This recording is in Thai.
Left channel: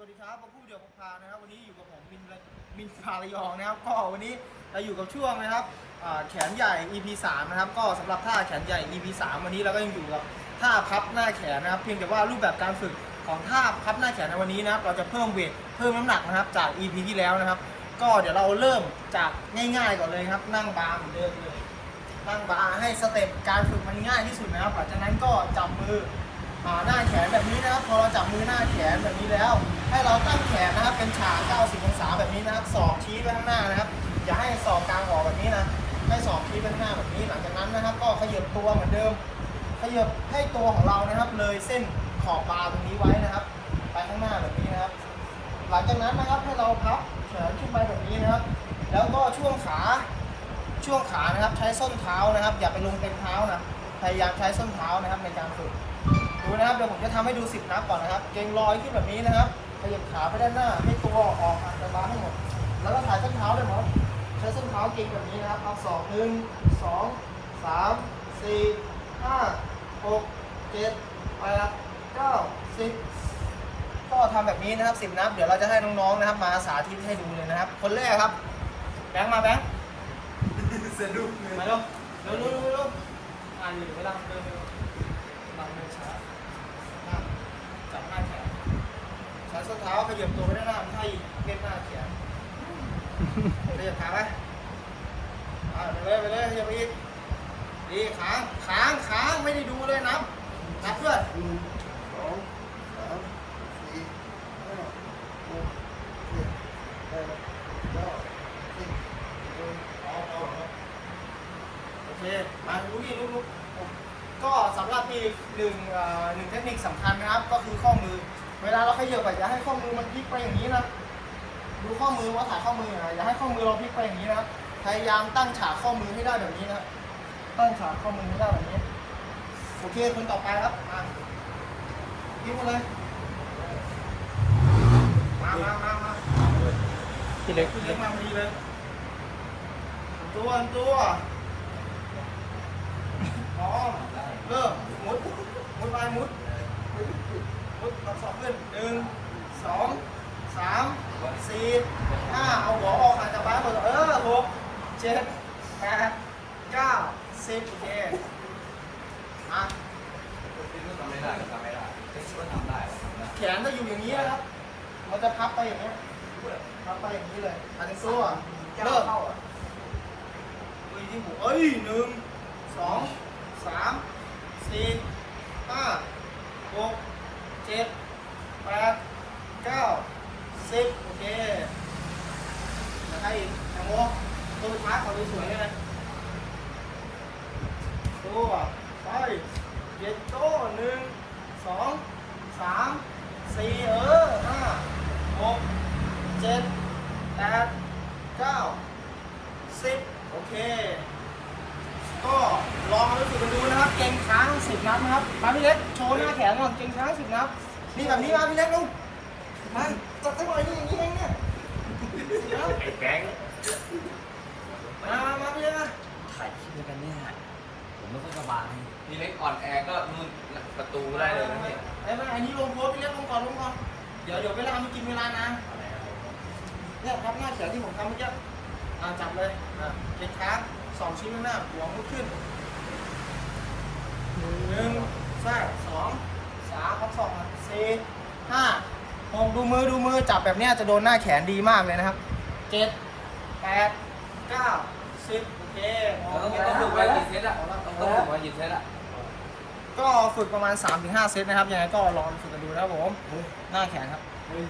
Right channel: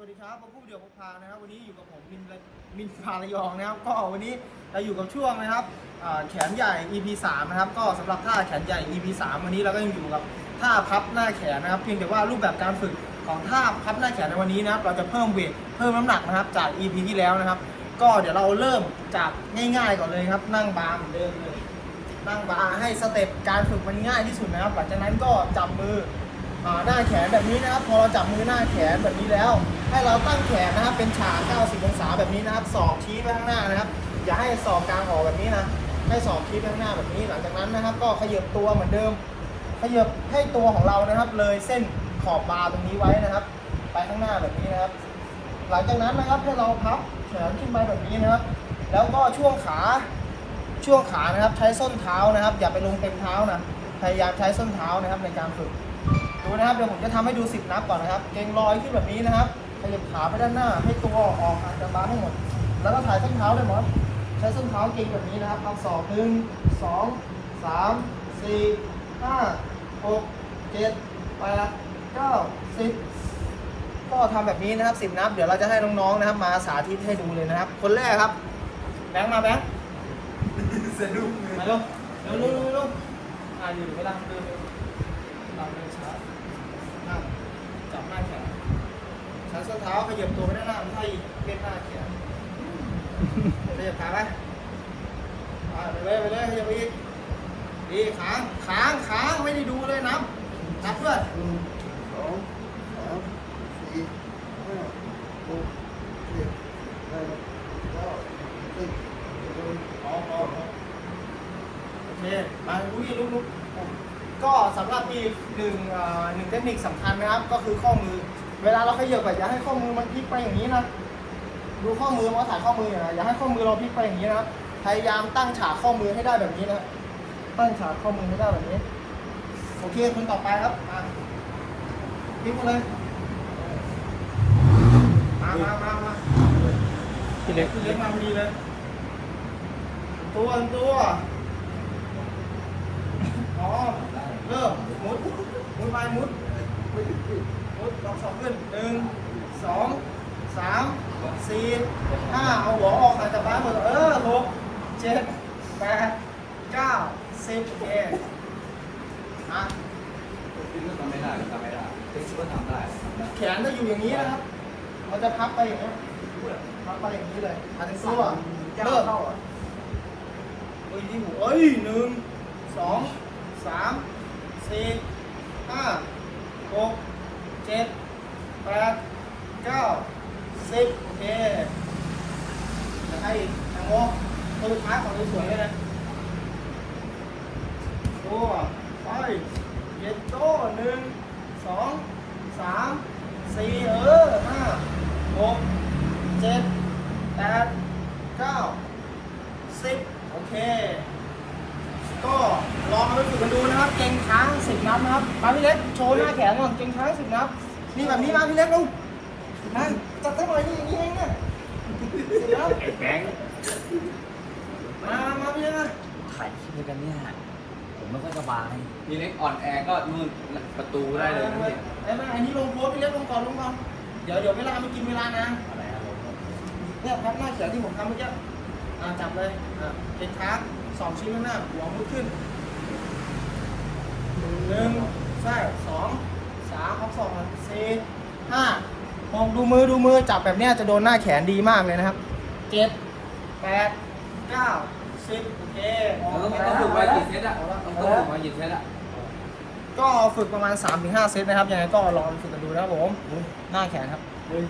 วัสดีครับมาพูดเดี่ยวพกพานะครับ วันนี้อยู่กับผมมินมินพาระยองนะครับ ก็วันนี้เราอยู่กับช่วงนะครับแขนใหญ่ EP 3นะครับ ก็สำหรับท่าแขนใหญ่ EP 3วันนี้เราก็ยังอยู่กับท่าพับหน้าแขนนะครับ เพียงแต่ว่ารูปแบบการฝึกของท่าพับหน้าแขนในวันนี้นะครับ เราจะเพิ่มเวทเพิ่มน้ำหนักนะครับ จาก EP ที่แล้วนะครับ ก็เดี๋ยวเราเริ่มจากง่ายๆก่อนเลยครับ นั่งบาร์เหมือนเดิมเลยนั่งบาร์ให้สเต็ปการฝึกมันง่ายที่สุดนะครับ หลังจากนั้นก็จับมือ หน้าแขนแบบนี้นะครับ พอเราจับมือหน้าแขนแบบนี้แล้ว ให้เราตั้งแขนนะครับ เป็นฉาก 90 องศาแบบนี้นะครับศอกชี้ไปข้างหน้านะครับ อย่าให้ศอกกลางออกแบบนี้นะ ให้ศอกชี้ไปข้างหน้าแบบนี้ หลังจากนั้นนะครับ ก็ขยับตัวเหมือนเดิม ขยับให้ตัวของเรานะครับ เลยเส้นขอบบาร์ตรงนี้ไว้นะครับ ไปข้างหน้าแบบนี้นะครับ หลังจากนั้นนะครับให้เราพับแขนขึ้นไปแบบนี้นะครับ แล้วก็ช่วงขา ช่วงขานะครับ ใช้ส้นเท้านะครับ อย่าไปลงเต็มเท้านะ พยายามใช้ส้นเท้านะครับในการฝึก ดูนะครับเดี๋ยวผมจะทำให้ดูสิบนับก่อนนะครับ เกรงรอยขึ้นแบบนี้นะครับขยับขาไปด้านหน้าให้ตัวออกมาจากบ้านให้หมด แล้วก็ถ่ายส้นเท้าด้วยหมอใช้ส้นเท้าเกรงแบบนี้นะครับเอาสองหนึ่งสองสามสี่ห้าหกเจ็ดแปดเก้าสิบก็ทำแบบนี้นะครับสิบนับ เดี๋ยวเราจะให้น้องๆนะครับ มาสาธิตให้ดูเลยนะครับ คนแรกครับ แบงค์มาแบงค์สะดุ้งมาเร็วเร็วเร็วเร็วเร็วอ่าอยู่เวลาเร็วเร็วเราเร็วช้าหน้าจับหน้าแขนใช้ส้นเท้าขยับตัวไปด้านหน้าไม่ใช่เล่นหน้าแขนขยับขาไหมอ่าไปเลยไปเลยขยับไปอีกดีค้างค้างค้าไม่ได้ดูเลยนับนับเพื่อนสองสามสี่ห้าหกเจ็ดแปดเก้าสิบเอาเอาโอเคมาลุยลุกลุกก็สำหรับอีกหนึ่งหนึ่งเทคนิคสำคัญนะครับ ก็คือข้อมือ เวลาเราขยับอะอย่าให้ข้อมือมันพลิกไปอย่างนี้นะ ดูข้อมือมาถ่ายข้อมือหน่อยนะอย่าให้ข้อมือเราพลิกไปอย่างนี้นะครับ พยายามตั้งฉากข้อมือให้ได้แบบนี้นะ ตั้งฉากข้อมือให้ได้แบบนี้ โอเคคุณต่อไปครับมาพลิกเลย มามามามาพี่เล็กคุณเล็กมาพอดีเลย ตัวตัวอ๋อเออมุดมุดไปมุดมุดลอง สองขึ้นหนึ่งสองสามสี่ห้าเอาหัวออกมาจากบ้านหมดเออหกเจ็ดแปดเก้าสิบโอเคมาทำไม่ได้ทำไม่ได้เป็นชิวทำไม่ได้แขนจะอยู่อย่างนี้นะครับมันจะพับไปอย่างนี้พับไปอย่างนี้เลยอันนี้ตัวเริ่มเฮ้ยที่หัวเอ้ยหนึ่งสองสามสี่ห้าหกเจ็ด ปดเก้าสิบโอเคเดี๋ยวให้ทางวอกตัวพักของสวยๆเลยนะตัวไปเย็ดโต้หนึ่งสองสามสี่เออห้าหกเจ็ดแปดเก้าสิบโอเค ก็ลองไปฝึกกันดูนะครับ เก่งค้างสิบนับนะครับมาพี่เล็กโชว์หน้าแขนก่อนเก่งค้างสิบนับ นี่แบบนี้มาพี่เล็กดูมาจับได้เลยนี่อย่างนี้เองเนี่ยสิบนับไอ้แบงค์มามาพี่เล็กมาถ่ายคลิปด้วยกันเนี่ยผมไม่ค่อยสบายพี่เล็กอ่อนแอก็มือประตูได้เลยนะพี่ไอ้มาอันนี้ลงโพสพี่เล็กลงก่อนลงก่อนเดี๋ยวเดี๋ยวเวลามันกินเวลานานอะไรอะเนี่ยพับหน้าแขนที่ผมทำเมื่อกี้อ่าจับเลยอ่าเก่งค้างสองชิ้นข้างหน้าหัวมุดขึ้นหนึ่งใช่สอง สามพับสองสี่ห้าหกดูมือดูมือจับแบบเนี้ยจะโดนหน้าแขนดีมากเลยนะครับเจ็ดแปดเก้าสิบโอเคแล้วต้องต้องฝึกไว้กี่เซตอะต้องต้องฝึกไว้กี่เซตอะก็ฝึกประมาณ3-5เซตนะครับยังไงก็ลองฝึกกันดูนะครับผมหน้าแขนครับหนึ่ง